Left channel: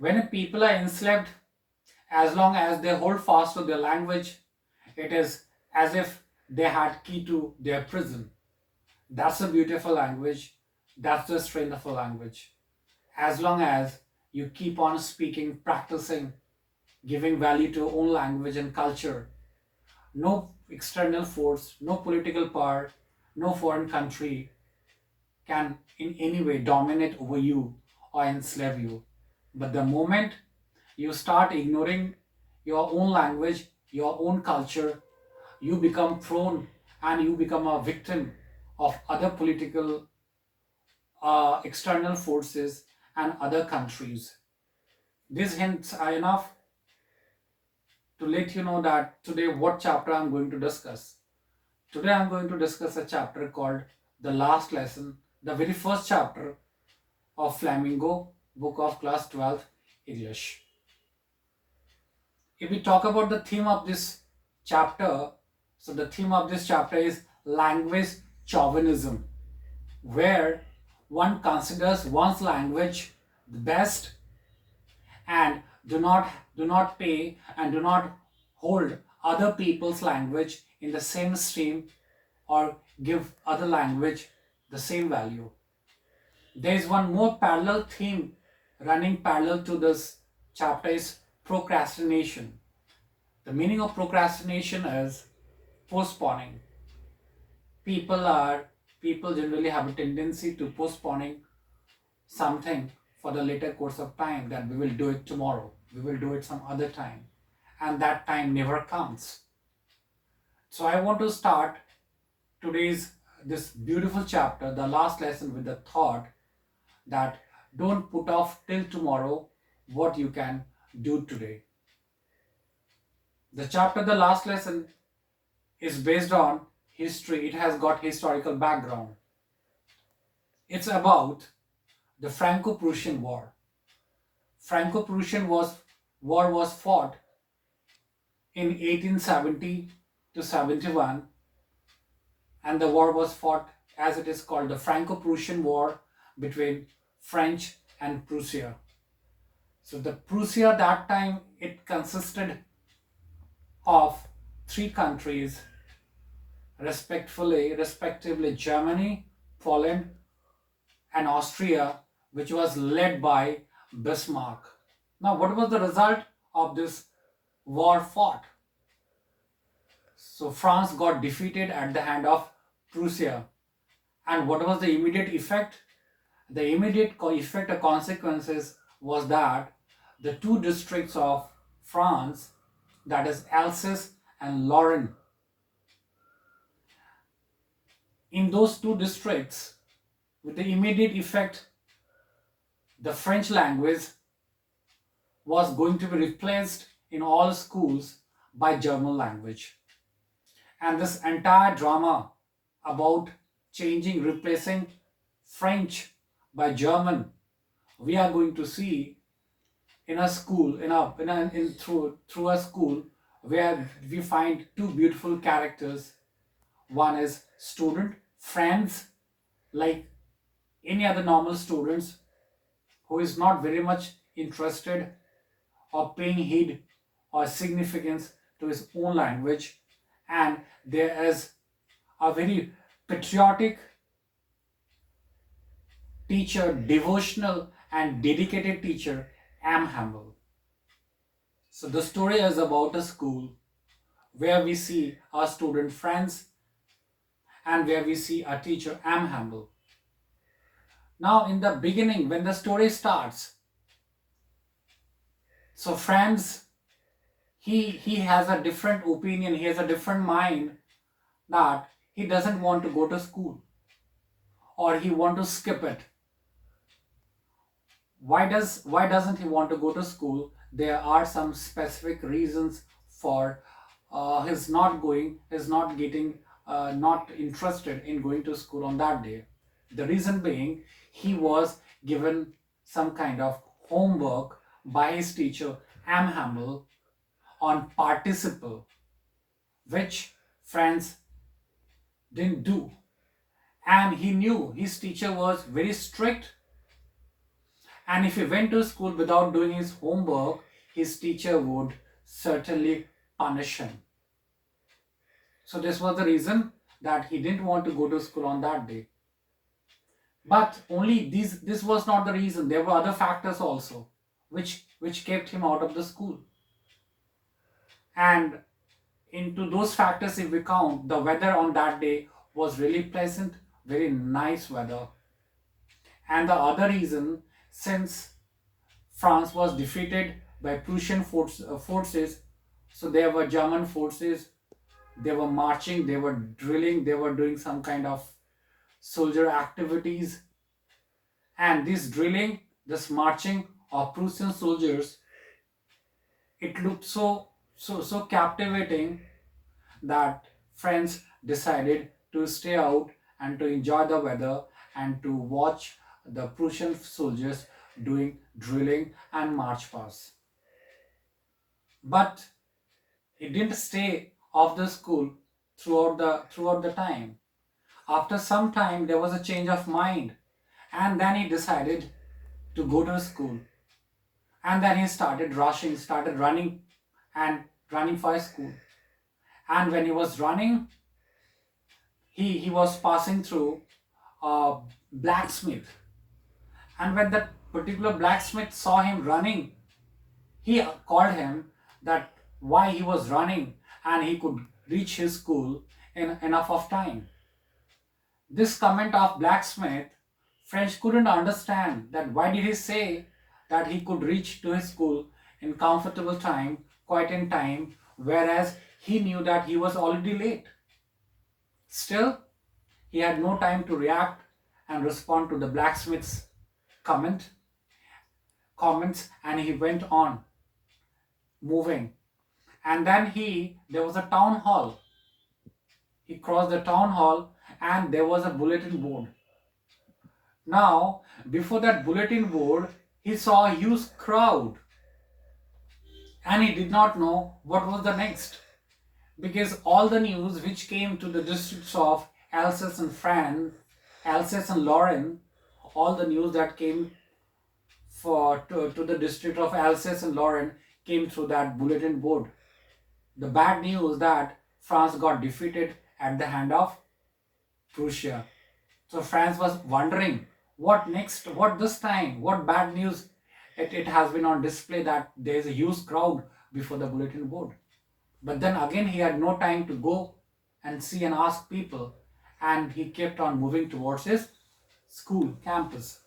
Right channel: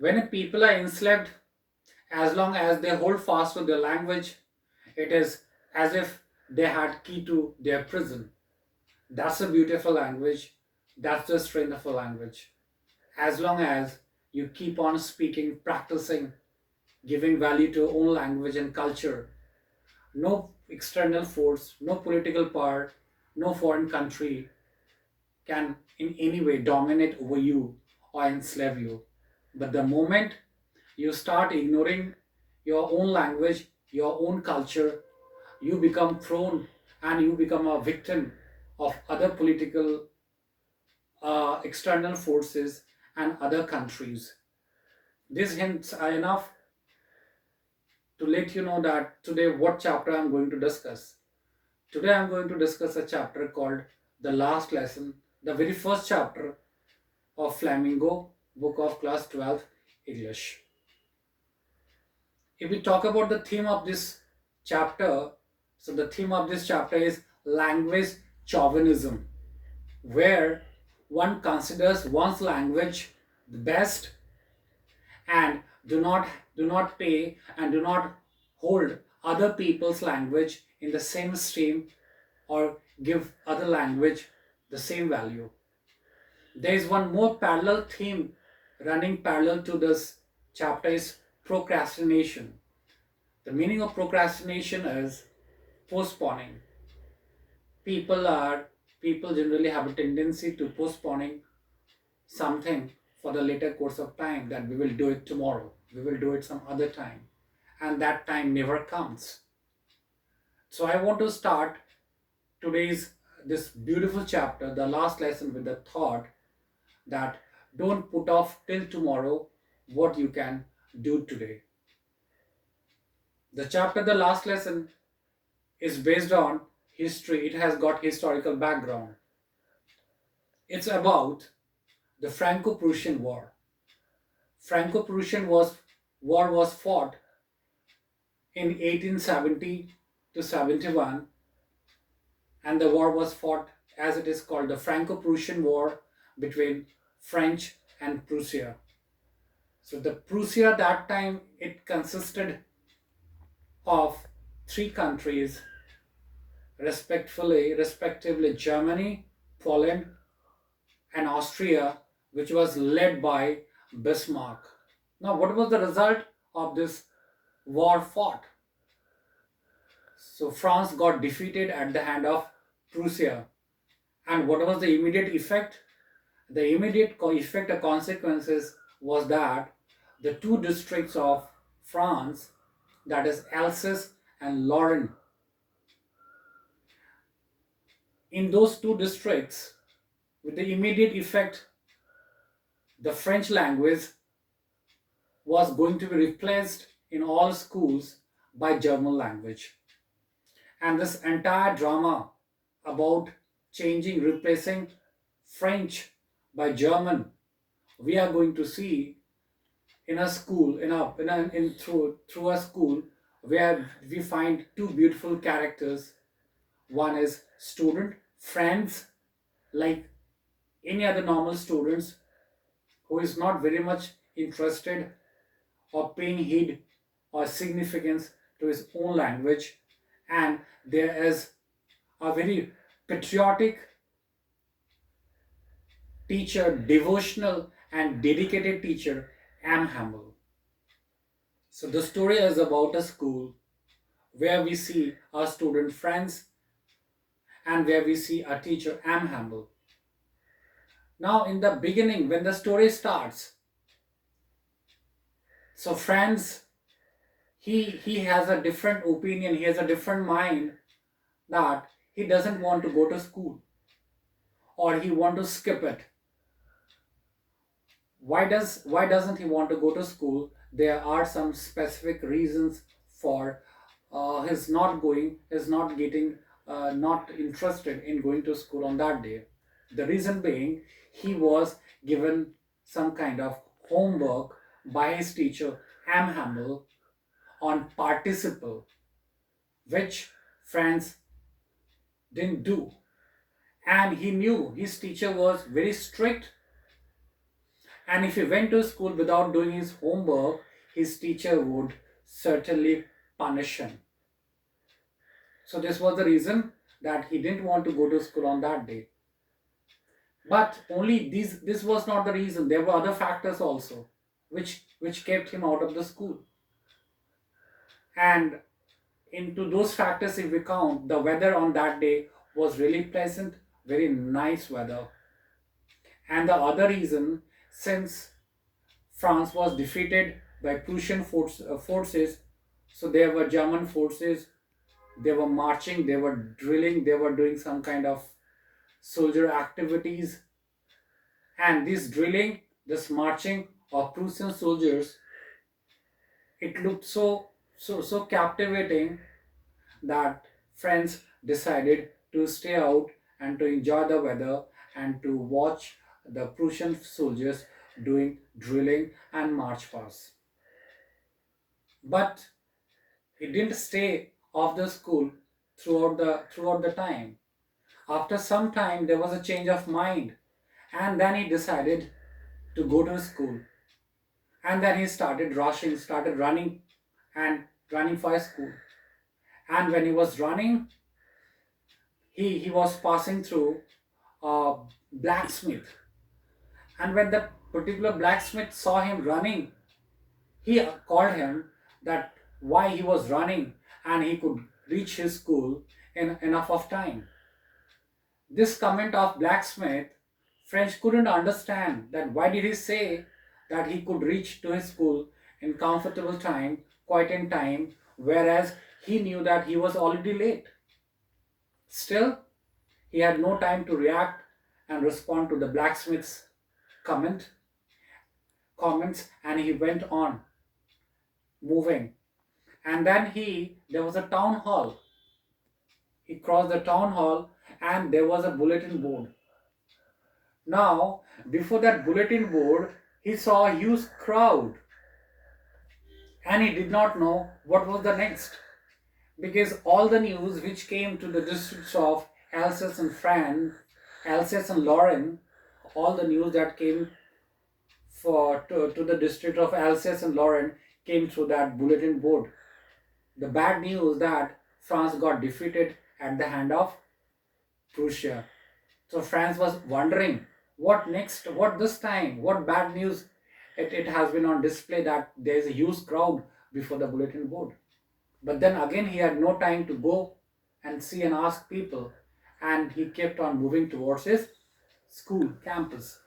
When people are enslaved, as long as they hold fast to their language, it is as if they had key to their prison. That's a beautiful language. That's the strength of a language. As long as you keep on speaking, practicing, giving value to your own language and culture, no external force, no political power, no foreign country can in any way dominate over you or enslave you. But the moment you start ignoring your own language, your own culture, you become prone and you become a victim of other political external forces and other countries. These hints are enough to let you know that today what chapter I'm going to discuss. Today I'm going to discuss a chapter called The Last Lesson, the very first chapter of Flamingo, book of class 12 English. If we talk about the theme of this chapter, so the theme of this chapter is language chauvinism, where one considers one's language the best and do not pay and do not hold other people's language in the same stream or give other language the same value. There is one more parallel theme running parallel to this chapter is procrastination. The meaning of procrastination is postponing. People are people generally have a tendency to postponing something for the later course of time, that we will do it tomorrow, we will do it some other time, and that time never comes. So I want to start today's this beautiful chapter, the last lesson, with the thought that don't put off till tomorrow what you can do today. The chapter, the last lesson, is based on history. It has got historical background. It's about the Franco-Prussian War. War was fought in 1870 to 71, and the war was fought as it is called the Franco-Prussian War between French and Prussia. So the Prussia that time, it consisted of three countries, respectively Germany, Poland, and Austria, which was led by Bismarck. Now, what was the result of this war fought? So France got defeated at the hand of Prussia. And what was the immediate effect? The immediate effect or consequences was that the two districts of France, that is Alsace and Lorraine, in those two districts, with the immediate effect, the French language was going to be replaced in all schools by German language. And this entire drama about replacing French by German, we are going to see in a school, through a school where we find two beautiful characters. One is student, friends, like any other normal students, who is not very much interested or paying heed or significance to his own language, and there is a very patriotic teacher, devotional and dedicated teacher, Am Hamel. So the story is about a school where we see our student friends and where we see a teacher, Am Hamel. Now, in the beginning, when the story starts, so friends, he has a different opinion, he has a different mind, that he doesn't want to go to school or he want to skip it. Why doesn't he want to go to school? There are some specific reasons for his not going, his not getting, not interested in going to school on that day. The reason being, he was given some kind of homework by his teacher Am Hamel on participle, which friends didn't do. And he knew his teacher was very strict And if he went to school without doing his homework, his teacher would certainly punish him. So this was the reason that he didn't want to go to school on that day. But only this was not the reason. There were other factors also which kept him out of the school. And into those factors, if we count, the weather on that day was really pleasant, very nice weather. And the other reason, since France was defeated by Prussian forces, so there were German forces, they were marching, they were drilling, they were doing some kind of soldier activities. And this drilling, this marching of Prussian soldiers, it looked so captivating that friends decided to stay out and to enjoy the weather and to watch the Prussian soldiers doing drilling and march pass. But he didn't stay off the school throughout the time. After some time there was a change of mind, and then he decided to go to school. And then he started rushing, started running and running for school. And when he was running, he was passing through a blacksmith. And when that particular blacksmith saw him running, he called him that why he was running and he could reach his school in enough of time. This comment of blacksmith, French couldn't understand that why did he say that he could reach to his school in comfortable time, quite in time, whereas he knew that he was already late. Still, he had no time to react and respond to the blacksmith's comment comments, and he went on moving. And then there was a town hall. He crossed the town hall and there was a bulletin board. Now, before that bulletin board, he saw a huge crowd and he did not know what was the next, because all the news which came to the districts of Alsace and France, Alsace and Lorraine, all the news that came to the district of Alsace and Lorraine came through that bulletin board. The bad news that France got defeated at the hand of Prussia. So France was wondering what next, what this time, what bad news it has been on display that there is a huge crowd before the bulletin board. But then again he had no time to go and see and ask people, and he kept on moving towards his school campus.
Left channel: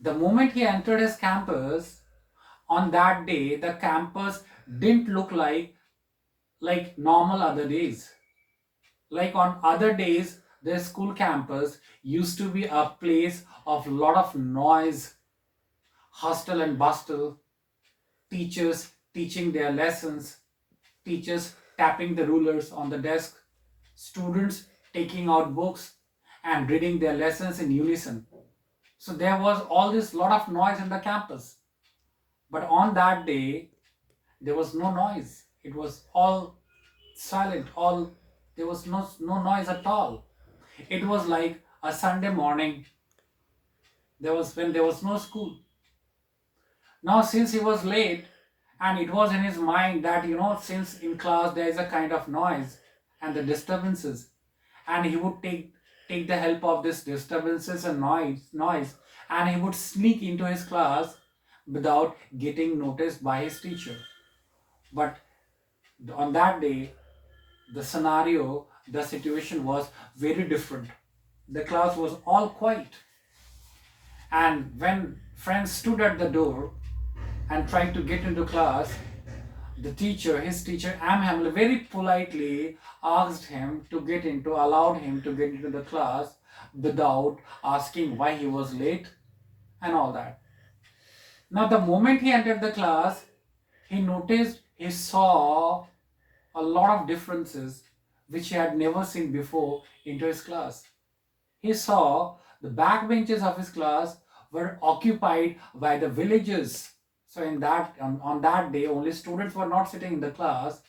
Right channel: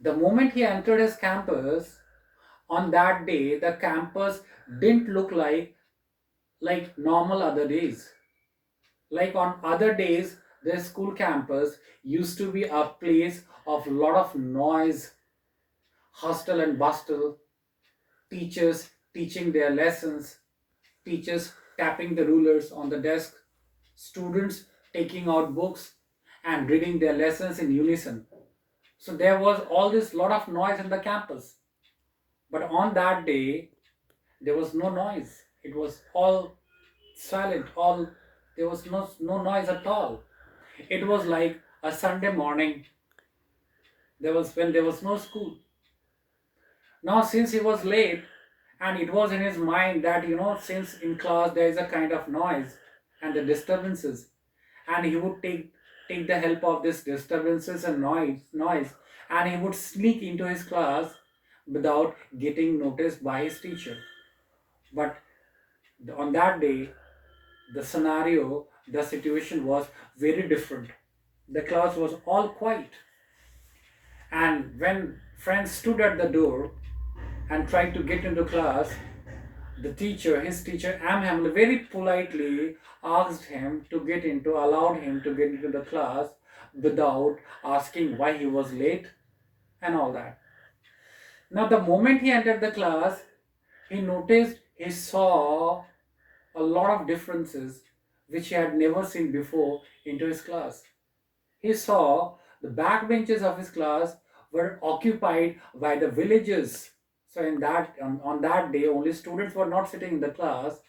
The moment he entered his campus, on that day the campus didn't look like normal other days. Like on other days, the school campus used to be a place of lot of noise, hustle and bustle, teachers teaching their lessons, teachers tapping the rulers on the desk, students taking out books and reading their lessons in unison. So there was all this lot of noise in the campus. But on that day, there was no noise. It was all silent, all there was no noise at all. It was like a Sunday morning. There was when there was no school. Now since he was late, and it was in his mind that since in class there is a kind of noise and the disturbances, and he would take the help of this disturbances and noise, and he would sneak into his class without getting noticed by his teacher. But on that day, the situation was very different. The class was all quiet. And when friends stood at the door and tried to get into class, his teacher, M. Hamel, very politely allowed him to get into the class without asking why he was late and all that. Now, the moment he entered the class, he saw a lot of differences which he had never seen before into his class. He saw the back benches of his class were occupied by the villagers. So on that day, only students were not sitting in the class.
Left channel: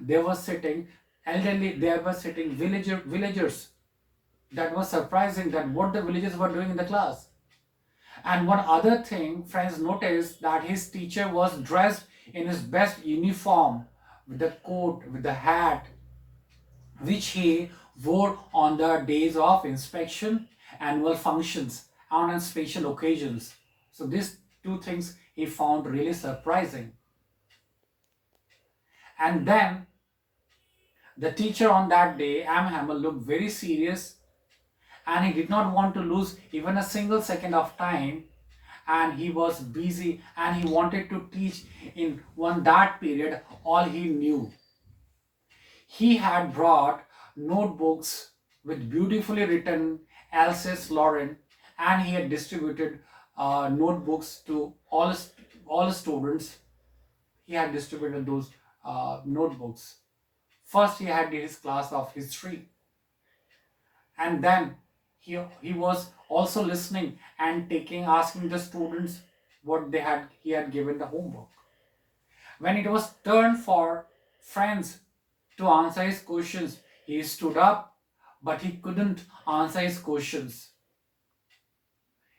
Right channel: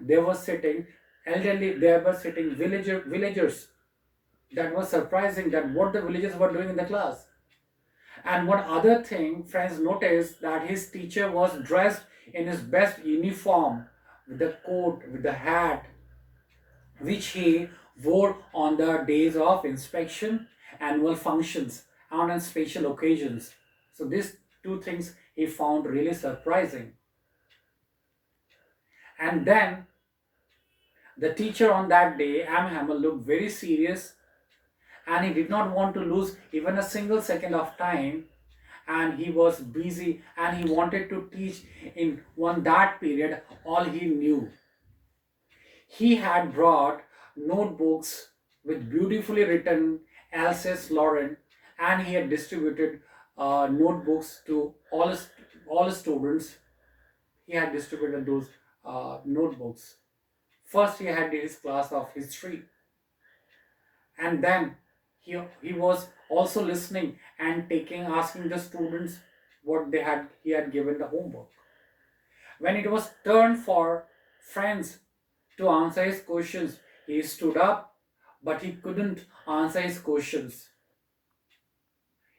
They were sitting elderly. They were sitting villagers. That was surprising that what the villagers were doing in the class. And one other thing, friends noticed that his teacher was dressed in his best uniform, with the coat, with the hat, which he wore on the days of inspection, annual functions, and on special occasions. So these two things he found really surprising. And then the teacher on that day, Am Hamel, looked very serious, and he did not want to lose even a single second of time, and he was busy and he wanted to teach in one that period all he knew. He had brought notebooks with beautifully written Alsace Lorraine, and he had distributed notebooks to all students. He had distributed those notebooks. First, he had his class of history, and then he was also listening and taking asking the students what they had he had given the homework. When it was turn for friends to answer his questions, he stood up, but he couldn't answer his questions.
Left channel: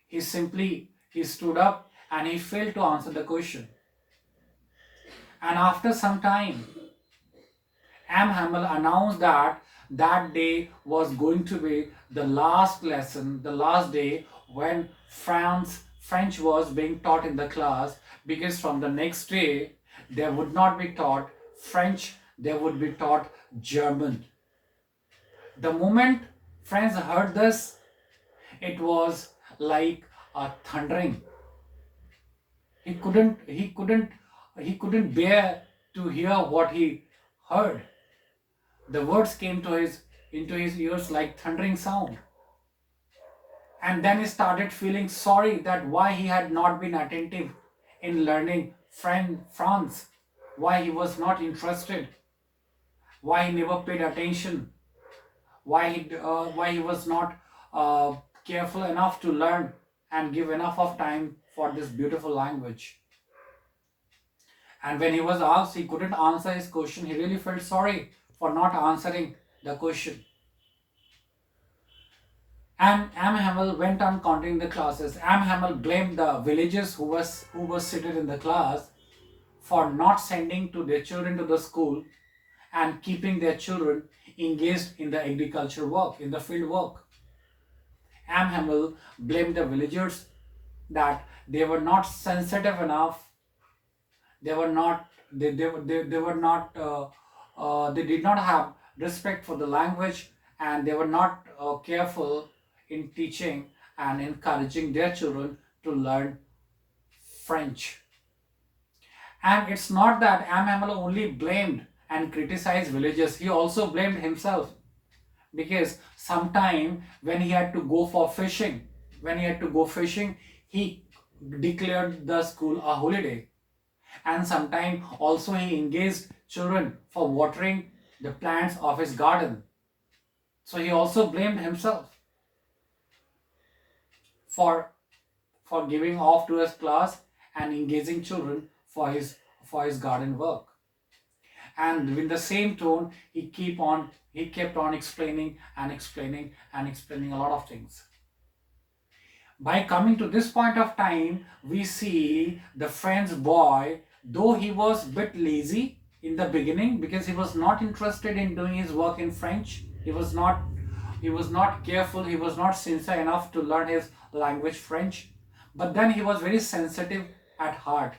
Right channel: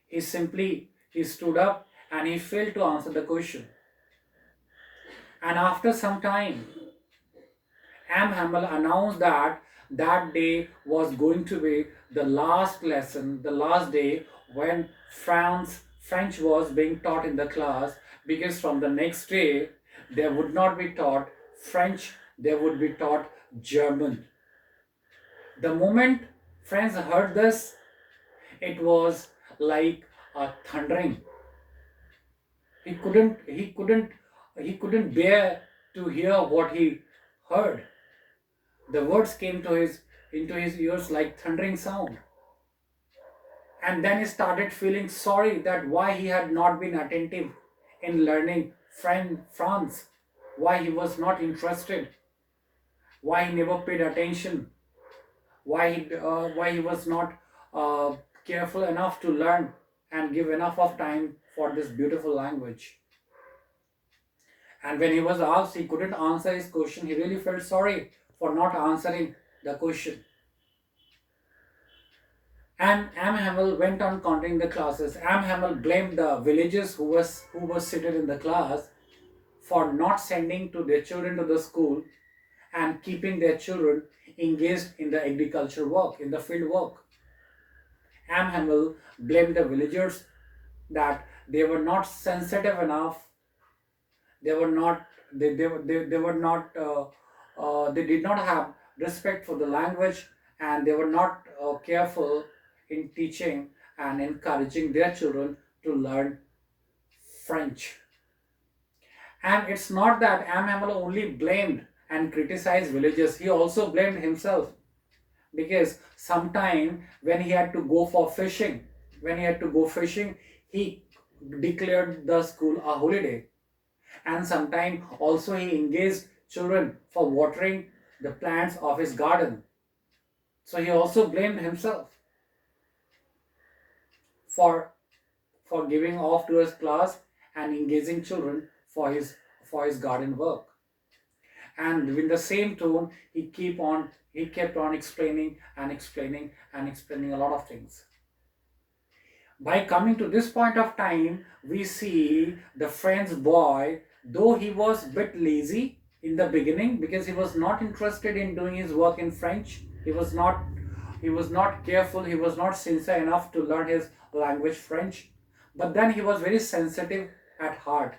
He stood up and he failed to answer the question. And after some time, Am Hamel announced that that day was going to be the last lesson, the last day when French was being taught in the class, because from the next day there would not be taught French, there would be taught German. The moment friends heard this, it was like a thundering. He couldn't he couldn't he couldn't bear to hear what he heard. The words came to his into his ears like thundering sound. And then he started feeling sorry that why he had not been attentive in learning France, why he was not interested, why he never paid attention, why he was not uh, careful enough to learn and give enough of time for this beautiful language. And when he was asked, he couldn't answer his question. He really felt sorry for not answering the question. And Am Hamel went on counting the classes. Am Hamel blamed the villagers who was seated in the class for not sending to their children to the school and keeping their children engaged in the agriculture work, in the field work. Am Hamel blamed the villagers that they were not sensitive enough. They were not. They were not. They did not have respect for the language, and they were not careful in teaching and encouraging their children to learn French. And it's not that Am Hamel only blamed and criticized villagers, he also blamed himself, because sometime when he had to go for fishing, he declared the school a holiday. And sometime also he engaged children for watering the plants of his garden. So he also blamed himself for giving off to his class and engaging children for his garden work. And with the same tone, he kept on explaining and explaining and explaining a lot of things. By coming to this point of time, we see the friend's boy, though he was a bit lazy in the beginning because he was not interested in doing his work in French. He was not careful, he was not sincere enough to learn his language French. But then he was very sensitive at heart.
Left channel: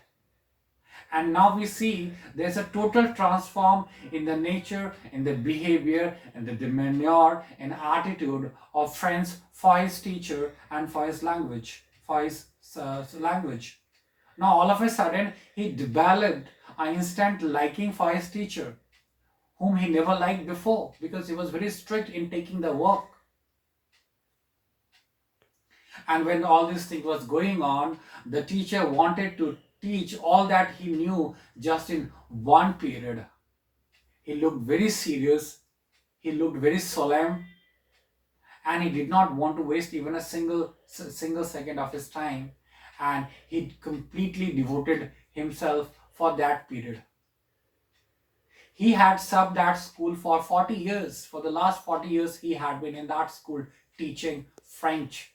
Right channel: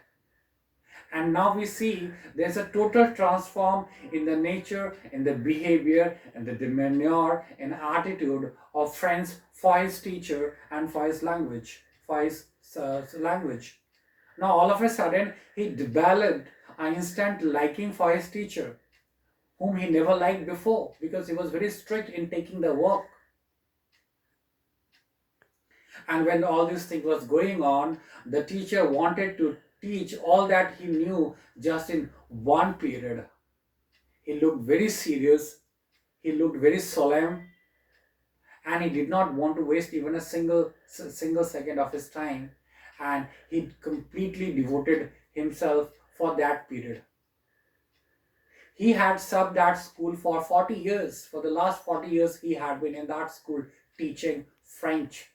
And now we see there's a total transform in the nature, in the behavior, and the demeanor and attitude of friends for his teacher and for his language, language. Now all of a sudden he developed an instant liking for his teacher, whom he never liked before because he was very strict in taking the work. And when all this thing was going on, the teacher wanted to teach all that he knew just in one period. He looked very serious, he looked very solemn, and he did not want to waste even a single second of his time. And he completely devoted himself for that period. He had subbed that school for 40 years. For the last 40 years, he had been in that school teaching French.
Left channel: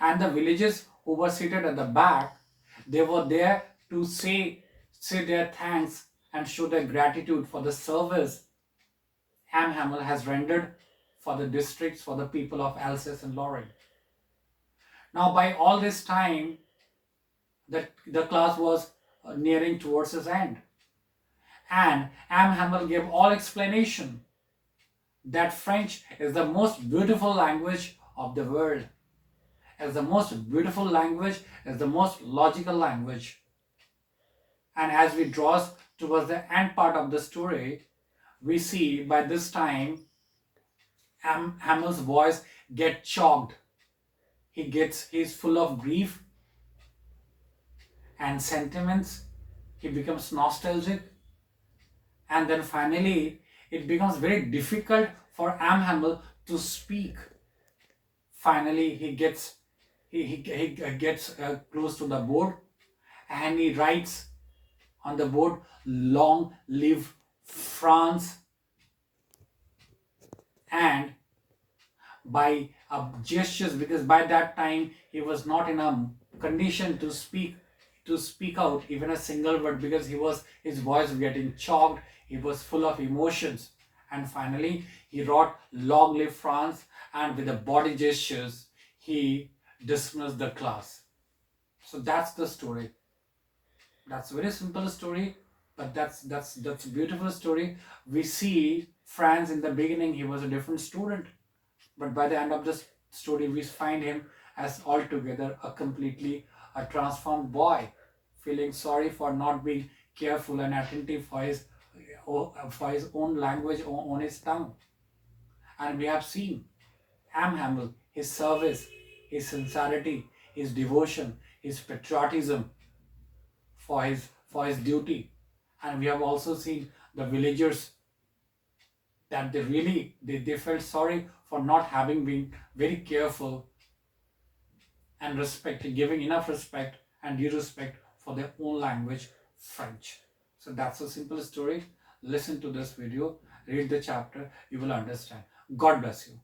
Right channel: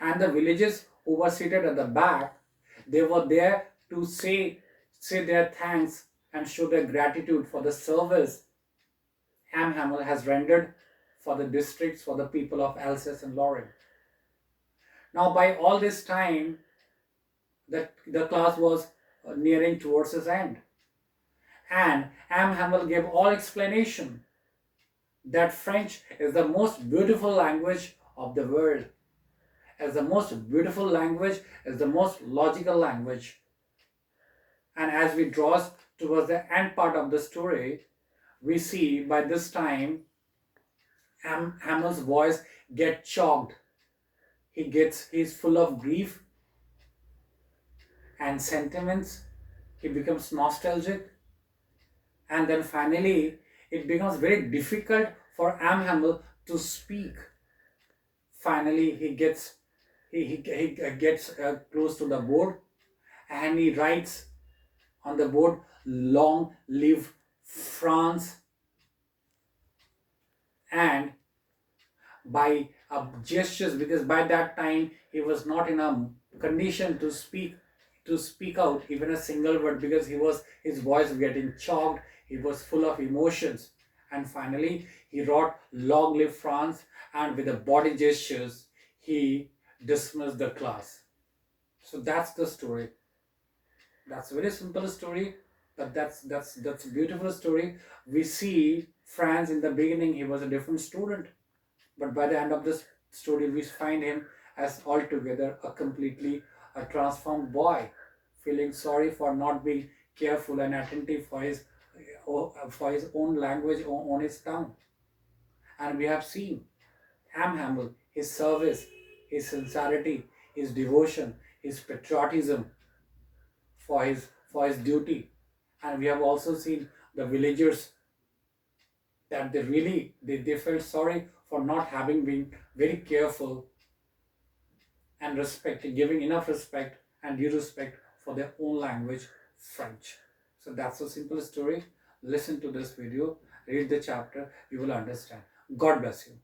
And the villagers who were seated at the back, they were there to say their thanks and show their gratitude for the service Hamel has rendered for the districts, for the people of Alsace and Lorraine. Now, by all this time, the class was nearing towards its end. And Hamel gave all explanation that French is the most beautiful language of the world, as the most beautiful language, as the most logical language. And as we draw towards the end part of the story, we see by this time Hamel's voice get choked. He's full of grief and sentiments. He becomes nostalgic, and then finally it becomes very difficult for Hamel to speak. Finally, he gets close to the board, and he writes on the board, "Long live France." And by gestures, because by that time he was not in a condition to speak out even a single word, because his voice was getting choked, he was full of emotions. And finally he wrote, "Long live France," and with the body gestures he dismissed the class. So that's the story. That's a very simple story, but that's a beautiful story. We see Franz in the beginning, he was a different student, but by the end of this story, we find him as altogether a transformed boy, feeling sorry for not being careful and attentive for his own language, on his tongue. And we have seen Hamel, his service, his sincerity, his devotion, his patriotism for his duty. And we have also seen the villagers, that they felt sorry for not having been very careful and giving enough respect and due respect for their own language, French. So that's a simple story. Listen to this video, read the chapter, you will understand. God bless you.